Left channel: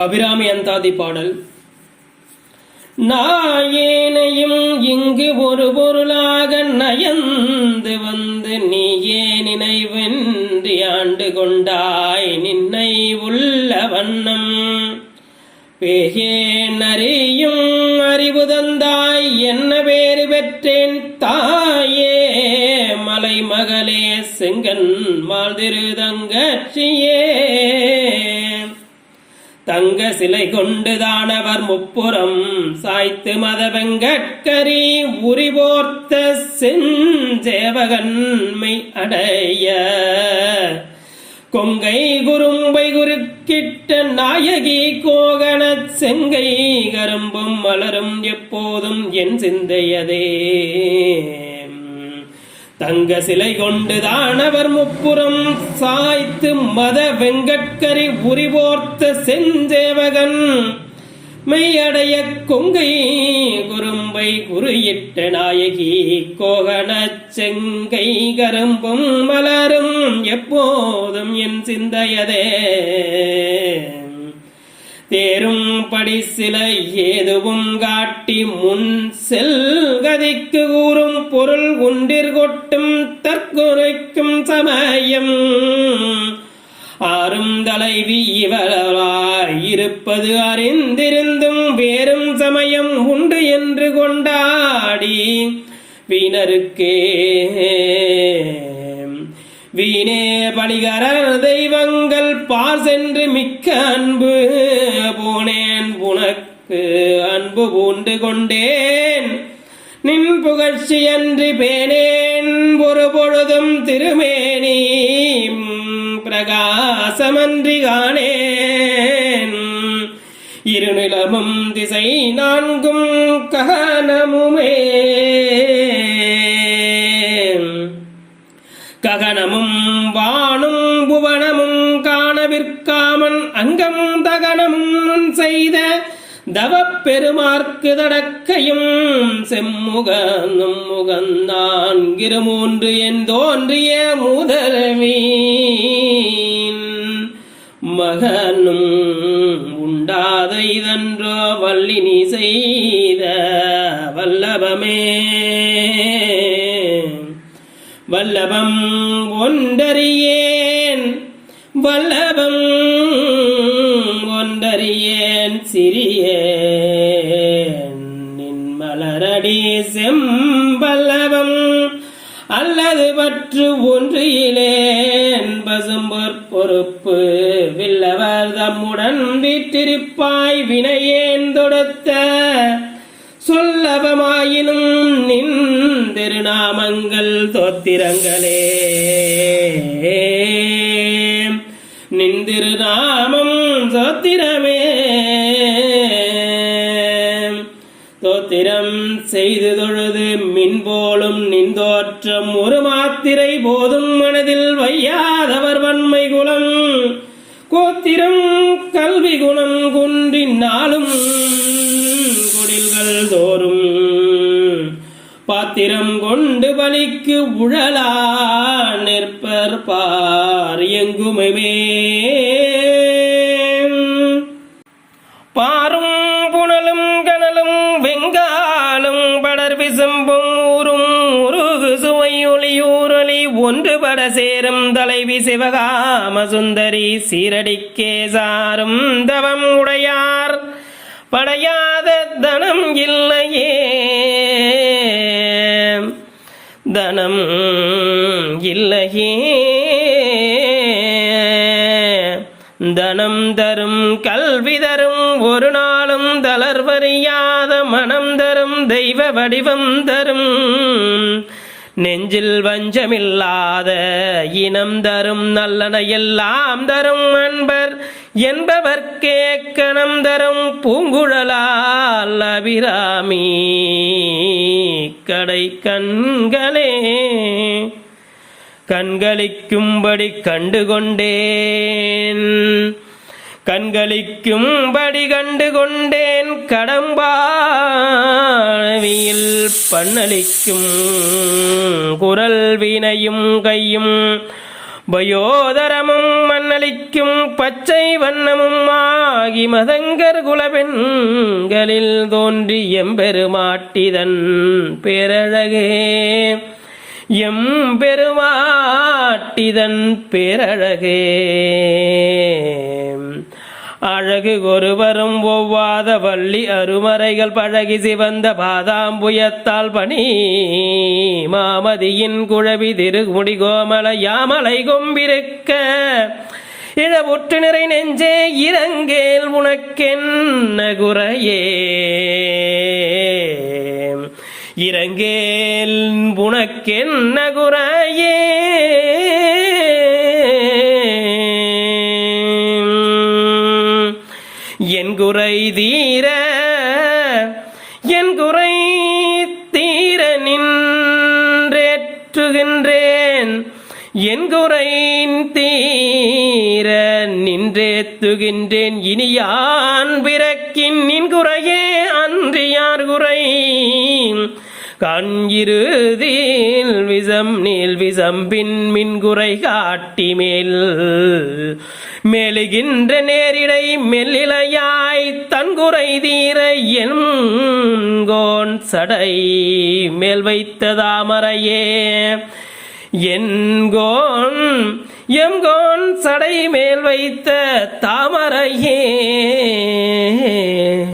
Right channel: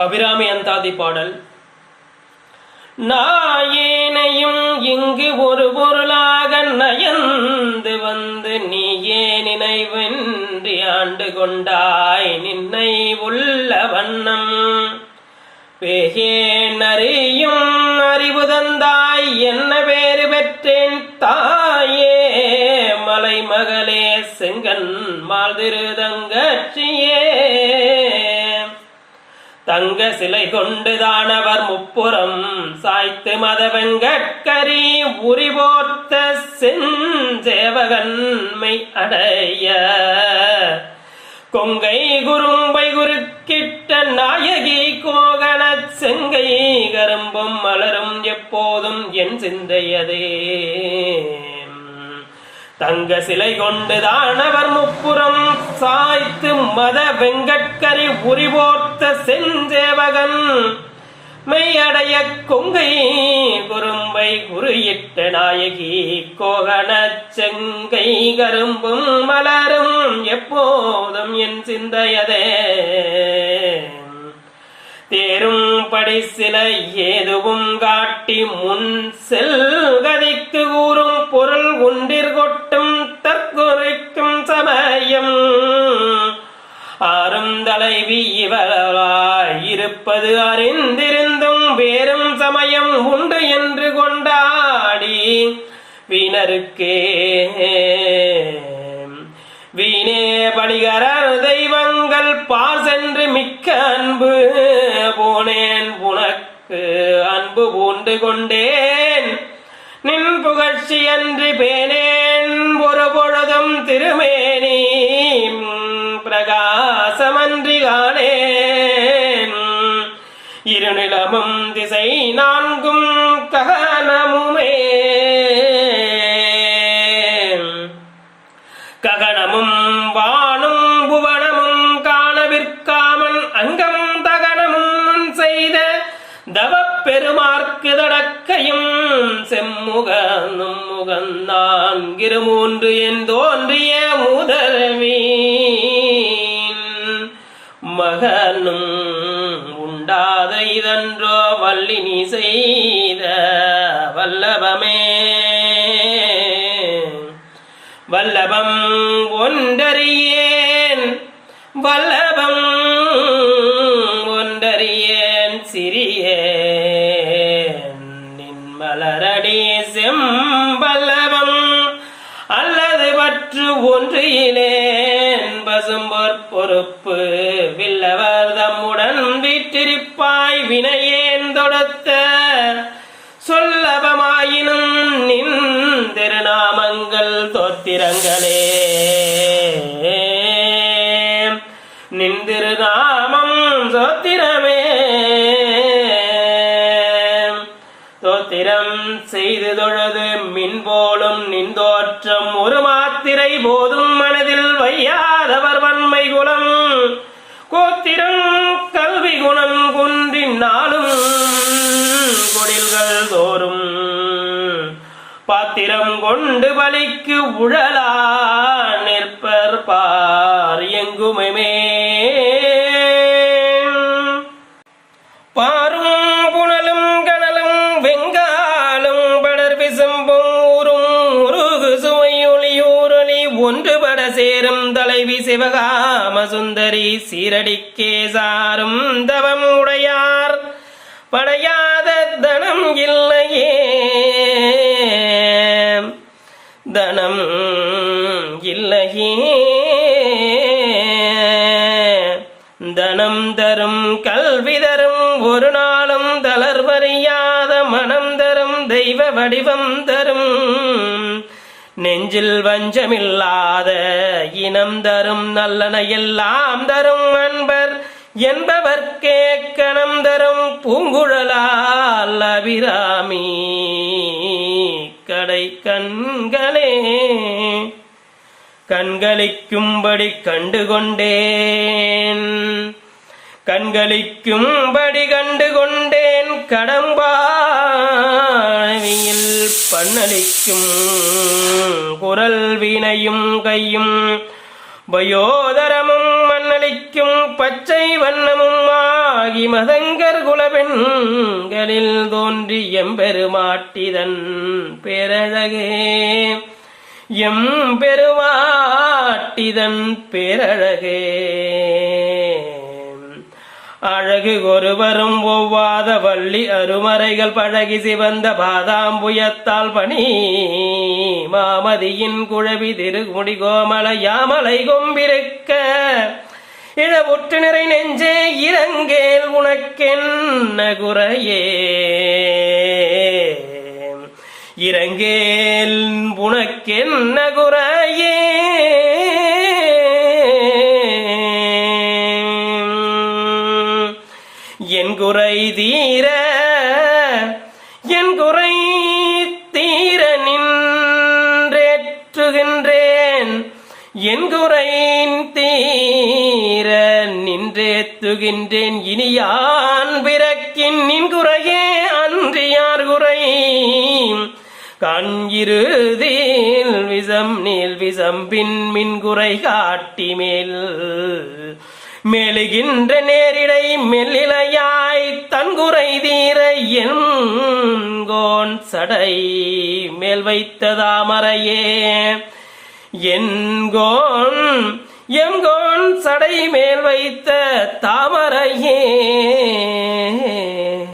அபிராமி அந்தாதி பாடல். நாயேனையும் இங்கு ஒரு பொருளாக நயந்து வந்து நீயே நினைவின்றி ஆண்டு கொண்டாய்? நின்னை உள்ள வண்ணம் பேகேன் அறியும் அறிவு தந்தாய். என்ன பேறு பெற்றேன் தாயே? மலைமகளே செங்கன் மால்திருதங்கட்சியே தங்க சிலை கொண்டு தானவர் முப்புறம். சாய்த்து மதவெங்கரி உரிபோர்த்த செஞ்சேவகன்மை அடைய. கொங்கை குறும்பை குறுக்கிட்ட நாயகி கோகண செங்கை கரும்பும் மலரும் எப்போதும் என் சிந்தையதே. தங்க சிலை கொண்டு தானவர் முப்புறம் சாய்த்து மத வெங்கட்கரி உரிபோர்த்த செஞ்சேவகன். மெய்யடைய கொங்கை குறும்பை குறியிட்ட நாயகி கோகன செங்கை கரும்பும் மலரும் எப்போதும் என் சிந்தையதே. படி சிலை ஏதுவும் காட்டி முன் செல்கதைக்கு கூறும் பொருள் உண்டிர் கொட்டும் தற்கொலைக்கும் சமயம். ஆறும் தலைவி இருப்பது அறிந்திருந்தும் வேறும் சமயம் உண்டு என்று கொண்டாடி. வீணருக்கே நின் புகழ்ச்சி அன்றி பேனேன் ஒரு பொழுதும் திருமேனி பிரகாசமன்றி காணேன். இருநிலமும் திசை நான்கும் ககனமுமே. ககனமும் வானும் புவனமும் காணவிற்காமன் அங்கம் தகனமும் செய்த தவப் தடக்கையும் செம்முகனும் முகந்தான் இருமூன்று என் தோன்றிய முதலமீன் மகனும் உண்டாத இதன்றோ வல்லினி செய்த வல்லபமே. வல்லபம் ஒன்றறியேன். வல்லபம் செம்பல்லவம் அல்லது பற்று ஒன்றியிலேன் பசும்பொற் பொறுப்பு வில்லவர் தம்முடன் வீற்றிருப்பாய் வினையேன் தொடத்த சொல்லபமாயினும் நின் திருநாமங்கள் தோத்திரங்களே. ஸ்தோத்திரம் செய்து தொழுது மின் போலும் நின்றோற்றம் ஒரு மாத்திரை போதும் மனதில் வையாதவர் வன்மை குலம். கோத்திரம் கல்வி குணம் குன்றினாலும் குடில்கள் தோறும். பாத்திரம் கொண்டு பலிக்கு உழலா நிற்பர் பார் எங்குமே ஒன்றுபட சேரும் தலைவி சிவகாம சுந்தரி சீரடிக்கே சாரும் தவம் உடையார். படையாத தனம் இல்லையே. தனம் இல்லையே. தனம் தரும் கல்வி தரும் ஒரு நாளும் தளர்வறியாத மனம் தரும் தெய்வ வடிவம் தரும். நெஞ்சில் வஞ்சமில்லாத இனம் தரும் நல்லன எல்லாம் தரும் அன்பர் என்பவர்க்கே கணம் தரும் பூங்குழலால் அபிராமி. கடை கண்களே கண்களிக்கும்படி கண்டுகொண்டேன். கண்களிக்கும்படி கண்டுகொண்டேன். கடம்பா கடம்பாவியில் பண்ணளிக்கும் குரல் வீணையும் கையும் பயோதரமும் மண்ணளிக்கும் பச்சை வண்ணமும் ஆகி மதங்கர் குலபெண்களில் தோன்றி எம்பெருமாட்டிதன் பேரழகே. எம் பெருமாட்டிதன் பேரழகே. அழகு ஒருவரும் ஒவ்வாத வள்ளி அருமறைகள் பழகி சிவந்த பாதாம்புயத்தால் பணி. மாமதியின் குழவி திருமுடி கோமல யாமலை கொம்பிருக்க. இழவுற்று நிறை நெஞ்சே இறங்கேல் உனக்கென்ன குறையே இறங்கேல் உனக்கென்ன குறை என் குறை தீர என் குறை தீர நின்றேற்றுகின்றேன். என் குறை தீர நின்றேத்துகின்றேன் இனி யான் பிறக்கின் நின் குறையே அன்று யார் குறை? கண் இருதீல் விசம் நீல் விசம் பின் மின் குறை காட்டி மேல் மெழுகின்ற நேரிடை மெல்லிலையாய் தன்குறை தீர என்கோன் சடை மேல் வைத்த தாமரையே என்கோன் எங்கோன் சடை மேல் வைத்த தாமரையே.